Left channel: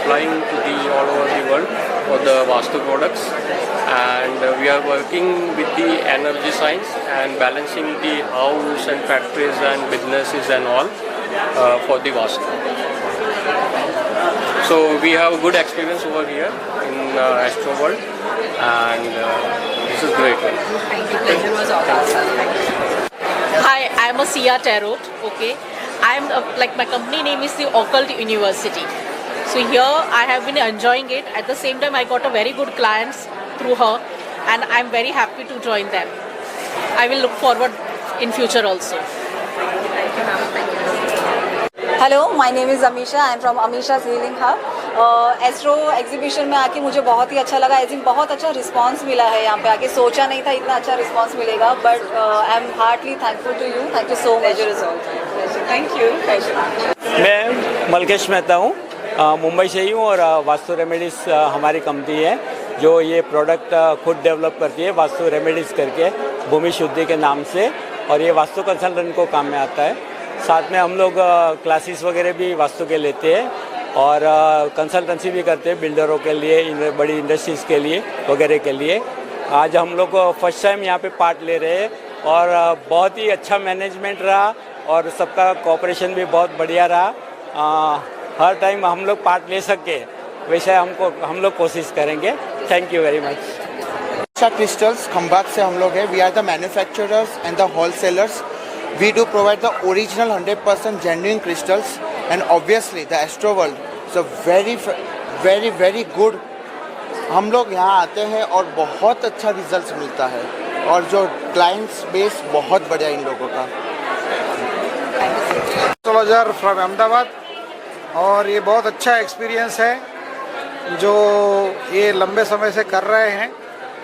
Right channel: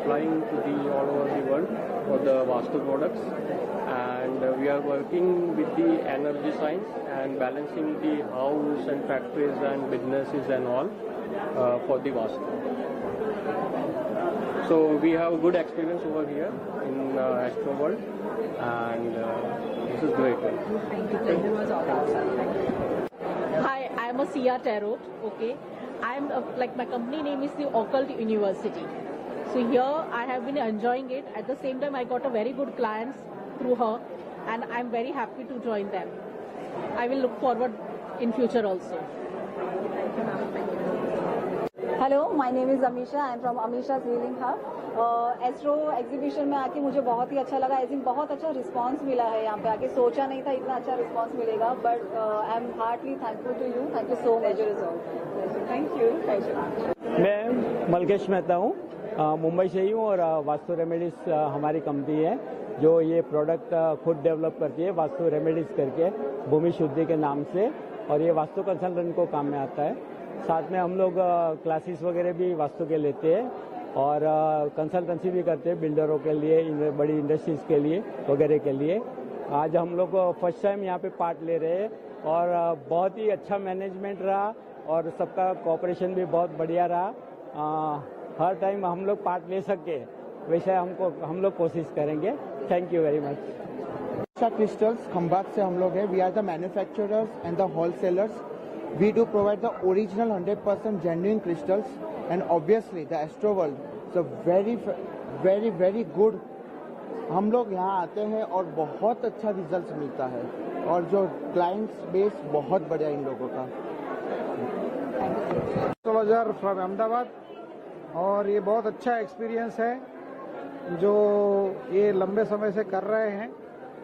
supplying to the all over the world for the Vastu products, and we are working with the energy science and balancing the house and factories and businesses and all for the Vastu. So we have good experience over here in Astro World, and this is great. Thank you. Pleasure was all ours. Hi, I'm a Sia Tarot. Okay, I'm like my company name is the Occult University. So here I have been enjoying it. At the same time, I got a very good clients through her, and I'm very happy to join them. I will look forward in future also. Hello, my name is Amisha. I am from Amisha's healing hub. Astro exhibition में आके मुझे बहुत ही अच्छा लगा. I think बहुत अच्छा response मिला है यहाँ पे आके. सोचा नहीं था इतना अच्छा रिस्पांस मिलेगा, but I am heartly thankful to you. Thank you so much. Thank you. मैं मलकेश मेहता हूँ, मुंबई से ही हूँ, और वास्तु रेमेडीज़ हमारी कंपनी है जो ये प्रोडक्ट खुद डेवलप करती है, वास्तु रेमेडीज़ करके, भूमि शुद्धि के नाम से. और ये वास्तु कंसल्टेंट को काम में आता है. साथ में हम लोग क्लासेस वगैरह भी वास्तु के लेते हैं और कंसल्टेंसी भी करते हैं बिल्डरों के लिए, बड़ी इंडस्ट्रीज़ के लिए वगैरह के लिए. आज हम लोग फर्स्ट टाइम यहाँ पे पार्ट ले रहे हैं और बहुत ही अच्छा मैनेजमेंट रहा और सबका कोऑपरेशन भी बहुत बढ़िया रहा. हर टाइम हम लोग पार्ट ले सके वैसे हम लोग कोशिश करेंगे. Thank you very much. Crystals Khambhat से हम लोग हैं. We are the manufacturers and the wholesalers. We do provide the original 100% genuine crystals, and obviously the Astro World is a very good. हम लोग यहाँ आते हैं और बहुत अच्छा रिजल्ट मिलता है और जो क्लाइंट्स बेस बहुत बढ़िया इन लोगों का. एस्ट्रोलॉजर फ्रॉम अहमदाबाद, और ये बहुत अच्छा एक्सपीरियंस है जो ये लंबे समय से कर रहे हैं,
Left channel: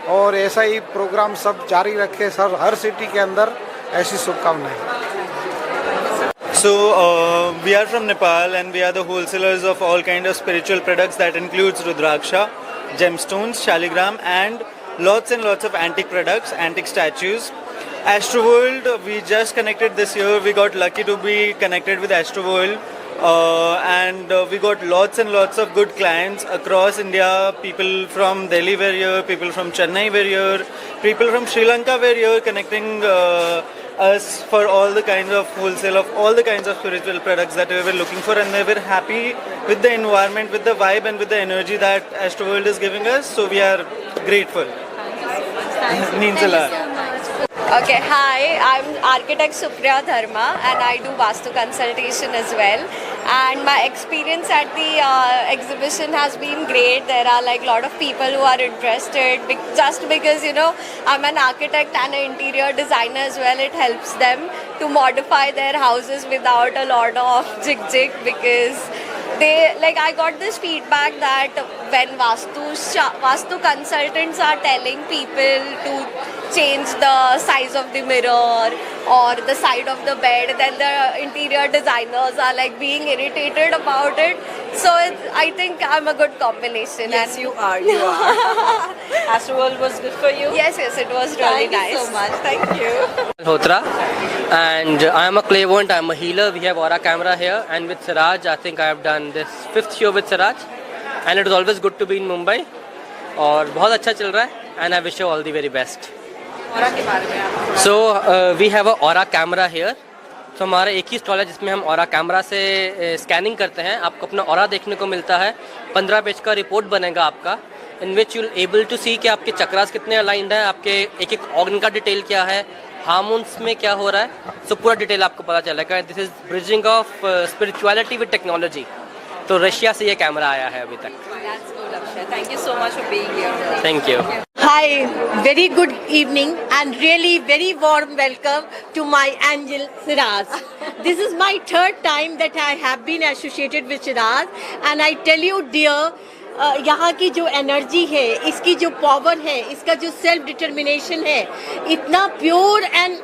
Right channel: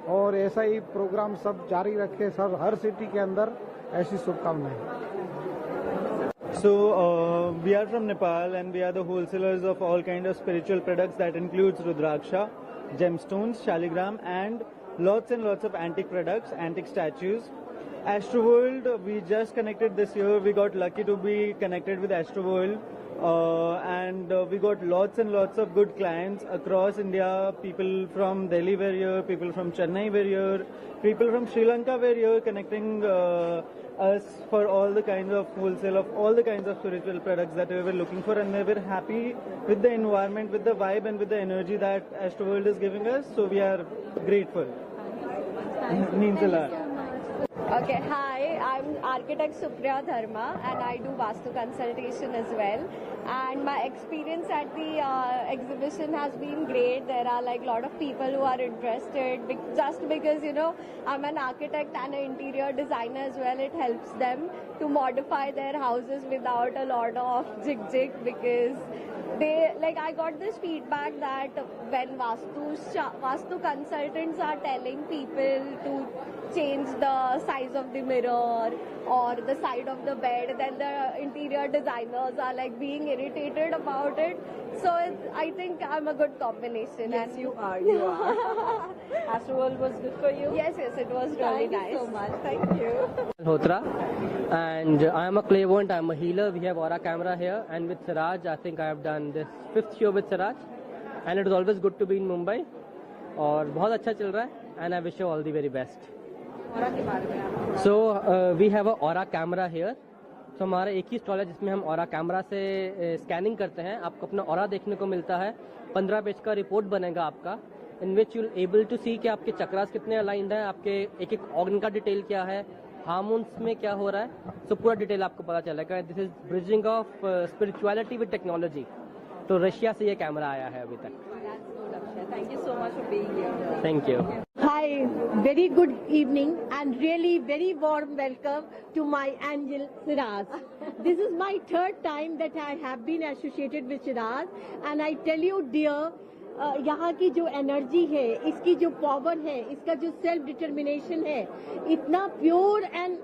और ऐसा ही प्रोग्राम सब जारी रखे सर, हर सिटी के अंदर ऐसी शुभकामनाएं. So we are from Nepal and we are the wholesalers of all kind of spiritual products that includes Rudraksha, gemstones, shaligram, and lots of antique products, antique statues. Astro World, we just connected this year. We got lucky to be connected with Astro World, and we got lots and lots of good clients across India. People from Delhi were here, people from Chennai were here, people from Sri Lanka were here, connecting us for all the kinds of wholesale of all the kinds of spiritual products that we were looking for, and they were happy with the environment, with the vibe, and with the energy that Astro World is giving us. So we are grateful. Means a lot. Okay, hi, I'm architect Supriya Dharma and I do Vastu consultation as well. And my experience at the exhibition has been great. There are like a lot of people who are interested just because, you know, I'm an architect and an interior designer as well. It helps them to modify their houses without a lot of jig because I got this feedback that when Vastu consultants are telling people to change the size of the mirror or the side of the bed, then the interior designers are like being irritated about it. So I think I'm a good combination. Yes, and you are. Astro World was good for you? Yes, it was really nice. Thank you so much. Thank you. Hotra, and I am a clairvoyant. I am a healer. We have aura camera here, and with Siraj, I think I have done this 5th show with Siraj, and it is always good to be in Mumbai. और बहुत अच्छा चल रहा है, and I wish you all the very best. Aura के बारे में आप So we have a aura camera here. तो हमारा एक ही स्टॉल है जिसमें हम ऑरा कैमरा से स्कैनिंग करते हैं. आपको अपना ऑरा देखने को मिलता है. 15 पेज का रिपोर्ट बनेगा आपका, इन विच यू एबल टू सी कि आपके चक्रास कितने अलाइंड हैं, आपके एक ऑर्गन का डिटेल क्या है, हार्मोन्स में क्या हो रहा है. सो पूरा डिटेल आपको पता चलेगा. This is bridging of spirituality with technology. तो रशिया से ये कैमरा आया है अभी तक. Thank you so much for being here. Thank you. Hi, very good evening and really very warm welcome to my angel Shiraz. This is my 3rd time that I have been associated with Shiraz, and I tell you dear, यहाँ की जो energy है, इसकी जो power है, इसका जो self determination है, इतना प्योर एंड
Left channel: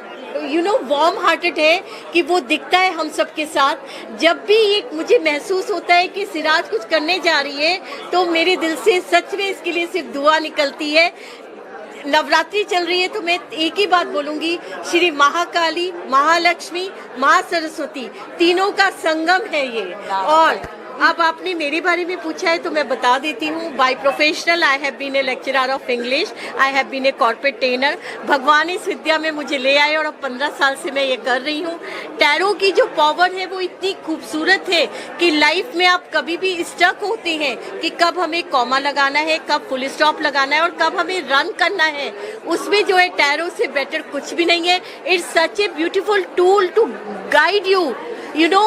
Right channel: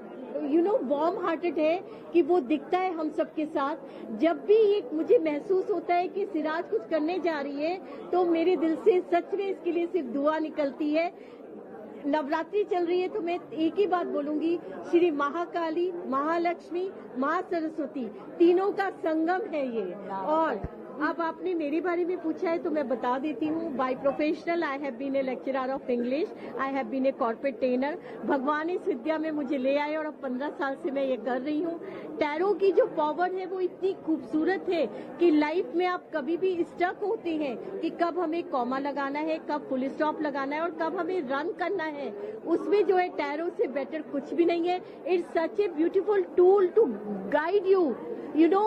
वार्म हार्टेड है कि वो दिखता है हम सबके साथ. जब भी एक मुझे महसूस होता है कि सिराज कुछ करने जा रही है, तो मेरे दिल से सच में इसके लिए सिर्फ दुआ निकलती है. नवरात्रि चल रही है तो मैं एक ही बात बोलूंगी, श्री महाकाली, महालक्ष्मी, महासरस्वती तीनों का संगम है ये. और अब आपने मेरे बारे में पूछा है तो मैं बता देती हूँ। By professional I have been a lecturer of English, I have been a corporate trainer. भगवान इस विद्या में मुझे ले आए और अब 15 साल से मैं ये कर रही हूँ। टैरो की जो पावर है वो इतनी खूबसूरत है कि लाइफ में आप कभी भी स्टक होते हैं कि कब हमें कॉमा लगाना है, कब फुल स्टॉप लगाना है और कब हमें रन करना है। उसमें जो है टैरो से बेटर कुछ भी नहीं है। It's such a beautiful tool to guide you, you know,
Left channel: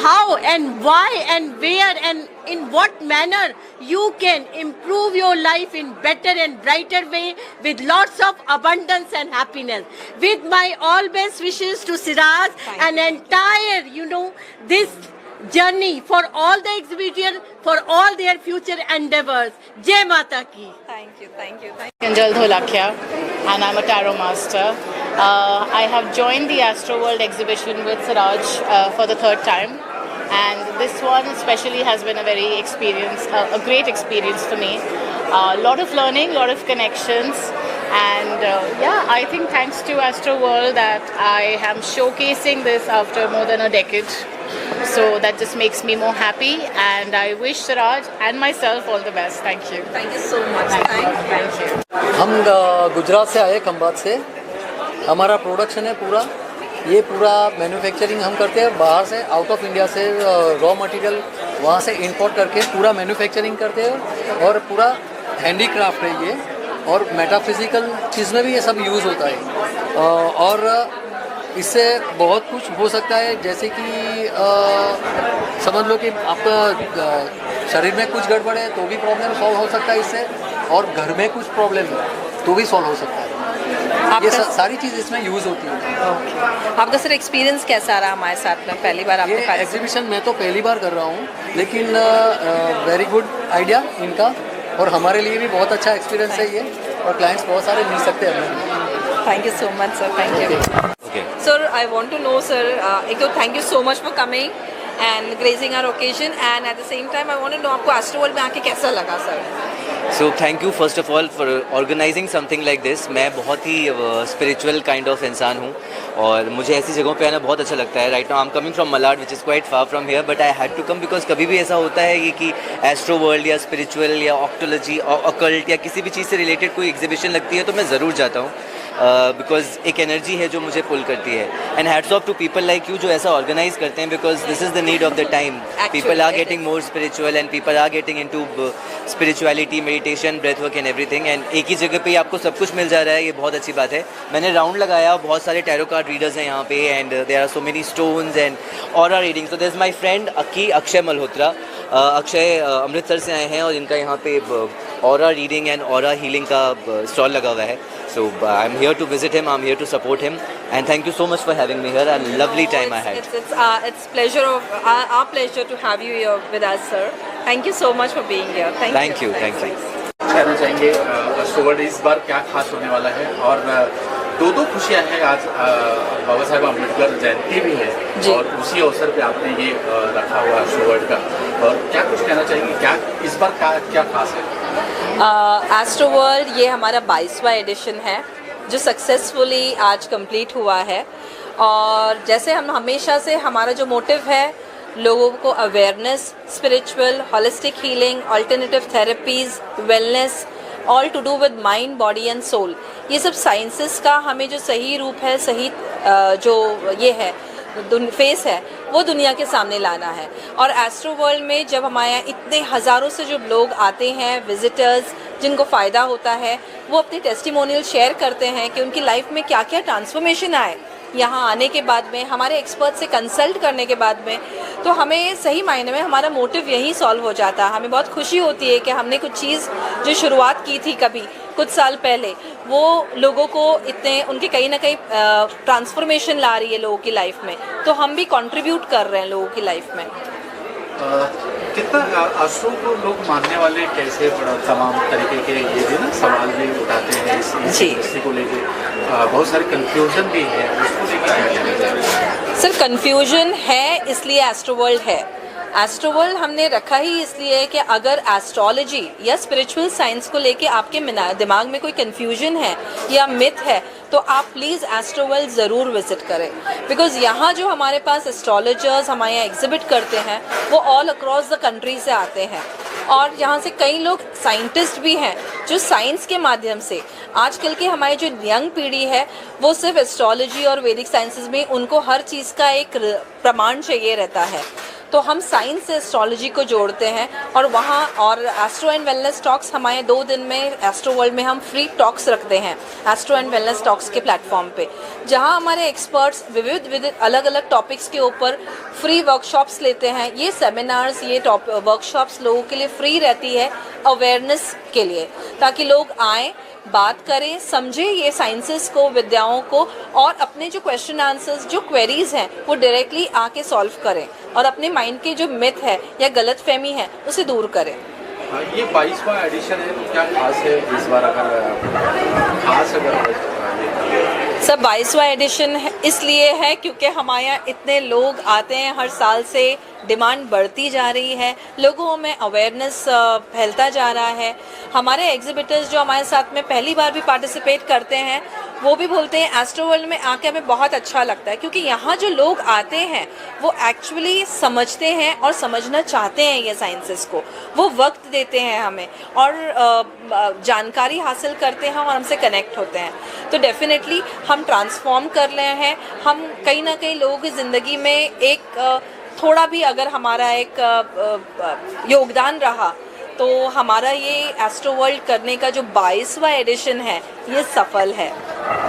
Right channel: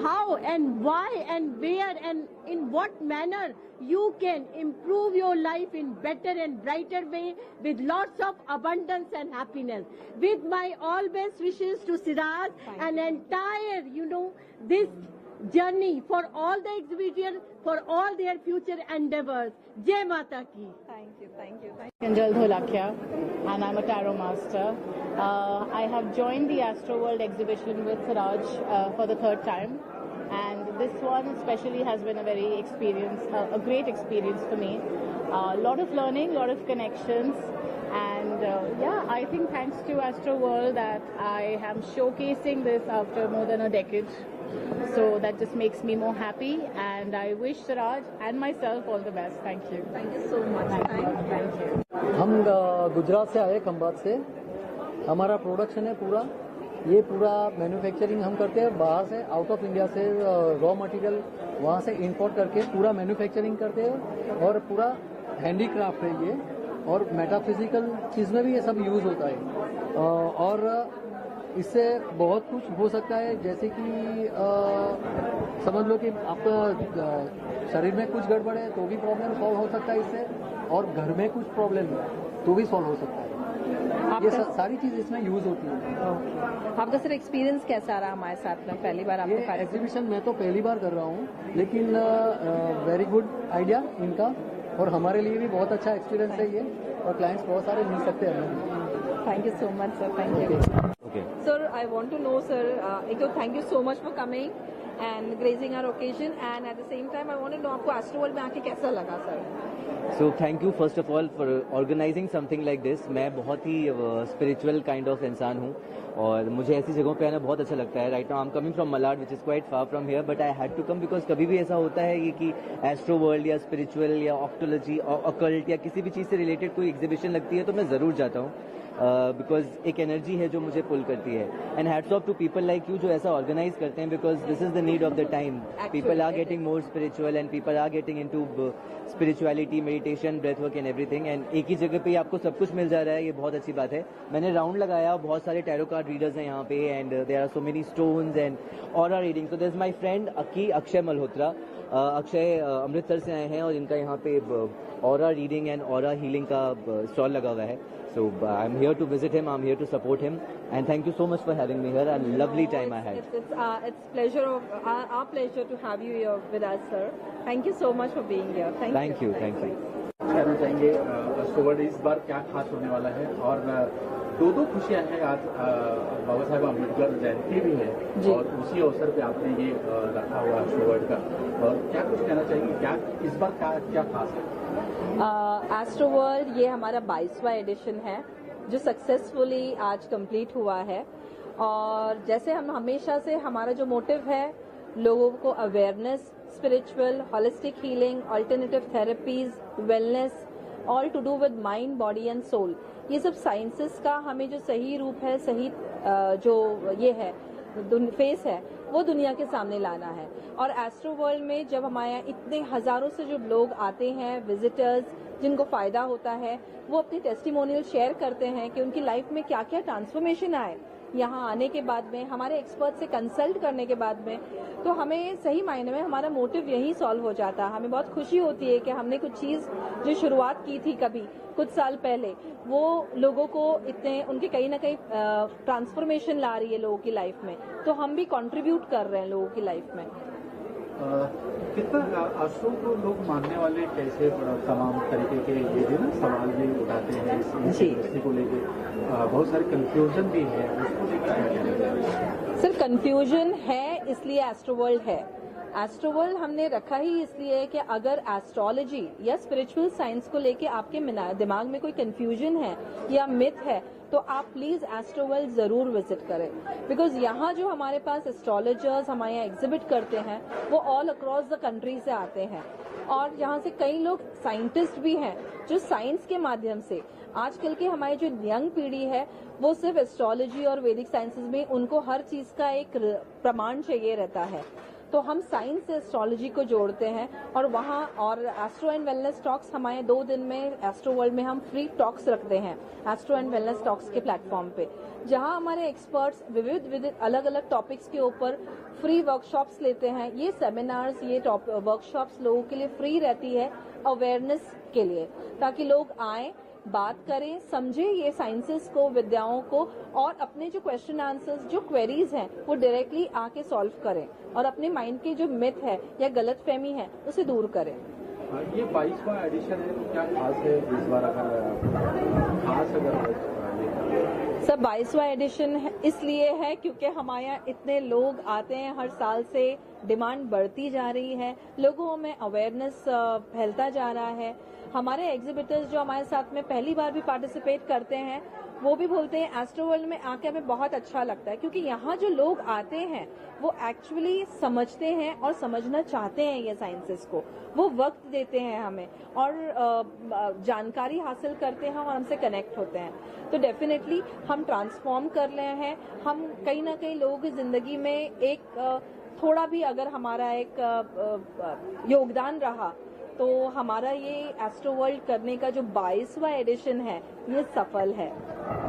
how and why and where and in what manner you can improve your life in better and brighter way with lots of abundance and happiness. With my all best wishes to Siraj and entire, you know, this journey for all the exhibitors, for all their future endeavors. Jai Mata ki. Thank you, thank you, thank Anjal Dholakia, and I'm a tarot master. I have joined the Astro World exhibition with Siraj for the third time, and this one especially has been a a great experience for me. A lot of learning, lot of connections, and I think thanks to Astro World that I am showcasing this after more than a decade. So that just makes me more happy, and I wish Siraj and myself all the best. Thank you. thank you so much. Thank you. हम गुजरात से आए, खंभात से। हमारा production है पूरा, ये पूरा manufacturing हम करते हैं बाहर से, आउट ऑफ इंडिया से रॉ मटेरियल वहाँ से इंपोर्ट करके पूरा मैन्युफैक्चरिंग करते हैं और पूरा हैंडीक्राफ्ट है ये, और मेटाफिजिकल चीज़ में भी ये सब यूज़ होता है। और इससे बहुत कुछ हो सकता है, जैसे कि समझ लो कि आपका शरीर में कुछ गड़बड़ है तो भी प्रॉब्लम सॉल्व हो सकता है इससे, और घर में कुछ प्रॉब्लम है तो भी सॉल्व हो सकता है। ये सारी चीज़ इसमें यूज़ होती है। आपका सर एक्सपीरियंस कैसा रहा हमारे साथ में? पहली बार आपने ये एग्जीबिशन मैं तो पहली बार कर रहा हूँ, लेकिन वेरी गुड आइडिया इनका, और हमारे लिए भी बहुत अच्छा एक्सपीरियंस है ये, और क्लाइंट्स बहुत सारे मिल सकते हैं हमें। Thank you so much, sir. Thank you. Okay. Sir, I want to know, sir, एक तो thank you so much for coming and gracing our occasion, and at the same time, I want to know आपको Astro World में आके कैसा लगा, sir? So thank you first of all for organizing something like this. मैं बहुत ही spiritual kind of इंसान हूँ, और मुझे ऐसी जगहों पे आना बहुत अच्छा लगता है। Right now I'm coming from Malad, which is quite far from here, but I had to come because कभी भी ऐसा होता है कि Astro World या spiritual या octology और occult या किसी भी चीज़ से related कोई exhibition लगती है तो मैं ज़रूर जाता हूँ, बिकॉज एक एनर्जी है जो मुझे पुल करती है। And hats off to people like you जो ऐसा ऑर्गेनाइज करते हैं, because this is the need of the time. People are getting more spiritual and people are getting into spirituality, meditation, breath work and everything, and एक ही जगह पे आपको सब कुछ मिल जा रहा है, ये बहुत अच्छी बात है। मैंने राउंड लगाया, बहुत सारे टैरो कार्ड रीडर्स हैं यहाँ पे, and there are so many stones and aura reading. So there is my friend Akshay Malhotra. Akshay Amritsar से आए हैं और इनका यहाँ पे aura reading and aura healing का स्टॉल लगा हुआ है। So I'm here to visit him, I'm here to support him, and thank you so much for having me here. A lovely time I had. It's pleasure of our pleasure to have you here with us, sir. Thank you so much for being here. Thank you. कहना चाहेंगे Astro World इस बार क्या खास होने वाला है, और दो खुशियां हैं। आज बाबा साहेब अम्बेडकर जयंती भी है, और उसी अवसर पे आपने ये रखा हुआ Astro World का, और क्या कुछ कहना चाहेंगे, क्या इस बार क्या खास है? एस्ट्रो वर्ल्ड ये हमारा 22वां एडिशन है जो सक्सेसफुली आज कंप्लीट हुआ है, और जैसे हम हमेशा से हमारा जो मोटिव है लोगों को awareness, spiritual, holistic healing, alternative therapies, wellness, all to do with mind, body and soul, ये सब साइंसेस का हमें जो सही रूप है, सही जो ये है फेस है, वो दुनिया के सामने लाना है। और एस्ट्रो वर्ल्ड में जब हमारे यहाँ इतने हज़ारों से जो लोग आते हैं, विजिटर्स जिनको फ़ायदा होता है, वो अपनी टेस्टिमोनियल शेयर करते हैं कि उनकी लाइफ में क्या क्या ट्रांसफॉर्मेशन आए यहाँ आने के बाद में, हमारे एक्सपर्ट से कंसल्ट करने के बाद में। तो हमें सही मायने में हमारा मोटिव यही सॉल्व हो जाता है। हमें बहुत खुशी होती है कि हमने कुछ चीज़ जो शुरुआत की थी कभी कुछ साल पहले, वो लोगों को इतने उनके कहीं ना कहीं ट्रांसफॉर्मेशन ला रही है लोगों की लाइफ में, तो हम भी कंट्रीब्यूट कर रहे हैं लोगों की लाइफ में। कितना Astro को लोग मानने वाले कैसे, तमाम तरीके के ये भी ना सवाल भी उठाते हैं इस इंडस्ट्री को लेके, बहुत सारे कंफ्यूजन भी है, उसको लेकर क्या कहना चाहिए? सर कंफ्यूजन है इसलिए एस्ट्रो वर्ल्ड है। एस्ट्रोवर्ल्ड हमने रखा ही इसलिए है कि अगर एस्ट्रोलॉजी या स्पिरिचुअल साइंस को लेके आपके दिमाग में कोई कंफ्यूजन है या मिथ है तो आप प्लीज़ एस्ट्रोवर्ल्ड ज़रूर विजिट करें, बिकॉज़ यहाँ जो हमारे पास एस्ट्रोलॉजर्स हमारे यहाँ एग्जिबिट करते हैं वो ऑल अक्रॉस द कंट्री से आते हैं और यहाँ से कई लोग साइंटिस्ट भी हैं जो साइंस के माध्यम से आजकल के हमारी जो यंग पीढ़ी है वो सिर्फ एस्ट्रोलॉजी और वैदिक साइंसेस में उनको हर चीज़ का एक प्रमाण चाहिए रहता है, तो हम साइंस से एस्ट्रोलॉजी को जोड़ते हैं और वहाँ और एस्ट्रो एंड वेलनेस टॉक्स हमारे 2 दिन में एस्ट्रो वर्ल्ड में हम फ्री टॉक्स रखते हैं एस्ट्रो एंड वेलनेस टॉक्स के प्लेटफॉर्म पे, जहाँ हमारे एक्सपर्ट्स विविध अलग अलग टॉपिक्स के ऊपर फ्री वर्कशॉप्स लेते हैं। ये सेमिनार्स ये वर्कशॉप्स लोगों के लिए फ्री रहती है अवेयरनेस के लिए, ताकि लोग आएँ, बात करें, समझें ये साइंसेस को, विद्याओं को, और अपने जो क्वेश्चन आंसर्स जो क्वेरीज हैं वो डायरेक्टली आके सॉल्व करें और अपने माइंड के जो मिथ है या गलत फहमी है उसे दूर करें। ये 22वां एडिशन है तो क्या खास है इस बार, अगर सब 22वां एडिशन इसलिए है क्योंकि हमारे यहाँ इतने लोग आते हैं, हर साल से डिमांड बढ़ती जा रही है, लोगों में अवेयरनेस फैलता जा रहा है। हमारे एग्जिबिटर्स जो हमारे साथ में पहली बार भी पार्टिसिपेट करते हैं वो भी बोलते हैं एस्ट्रो वर्ल्ड में आके हमें बहुत अच्छा लगता है, क्योंकि यहाँ जो लोग आते हैं वो एक्चुअली समझते हैं और समझना चाहते हैं ये साइंसेस को, वो वक्त देते हैं हमें और जानकारी हासिल करते हैं और हमसे कनेक्ट होते हैं। तो डेफिनेटली हम ट्रांसफॉर्म कर रहे हैं, हम कहीं ना कहीं लोगों की ज़िंदगी में एक थोड़ा भी अगर हमारा एक योगदान रहा तो हमारा ये एस्ट्रो वर्ल्ड करने का जो 22वां एडिशन है ये सफल है।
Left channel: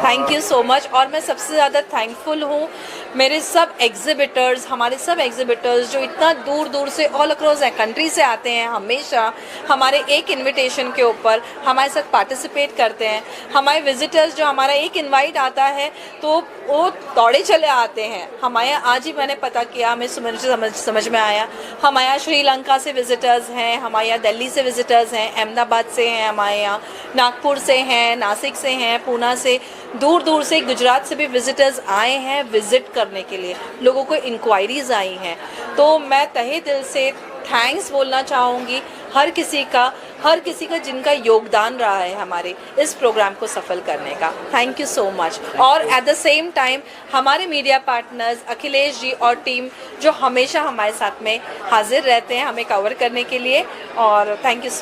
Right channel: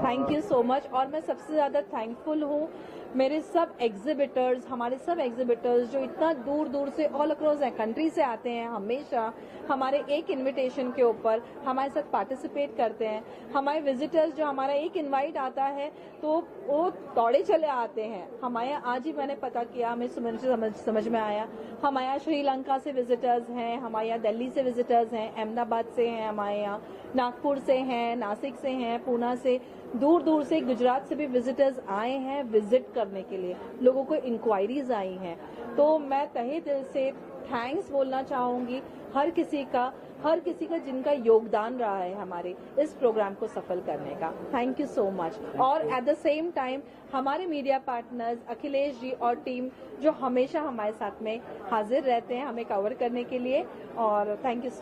Thank you so much. और मैं सबसे ज़्यादा थैंकफुल हूँ मेरे सब एग्जिबिटर्स, हमारे सब एग्जिबिटर्स जो इतना दूर दूर से ऑल अक्रॉस कंट्री से आते हैं, हमेशा हमारे एक इनविटेशन के ऊपर हमारे साथ पार्टिसिपेट करते हैं। हमारे विजिटर्स जो हमारा एक इनवाइट आता है तो वो दौड़े चले आते हैं। हमारे आज ही मैंने पता किया, हमें समझ में आया, हमारे यहाँ श्रीलंका से विजिटर्स हैं, हमारे यहाँ दिल्ली से विजिटर्स हैं, अहमदाबाद से हैं, हमारे यहाँ नागपुर से हैं, नासिक से हैं, पूना से, दूर दूर से, गुजरात से भी विजिटर्स आए हैं विज़िट करने के लिए, लोगों को इंक्वायरीज़ आई हैं। तो मैं तहे दिल से थैंक्स बोलना चाहूँगी हर किसी का जिनका योगदान रहा है हमारे इस प्रोग्राम को सफल करने का। Thank you so much. और एट द सेम टाइम हमारे मीडिया पार्टनर्स अखिलेश जी और टीम जो हमेशा हमारे साथ में हाजिर रहते हैं हमें कवर करने के लिए, और थैंक यू सो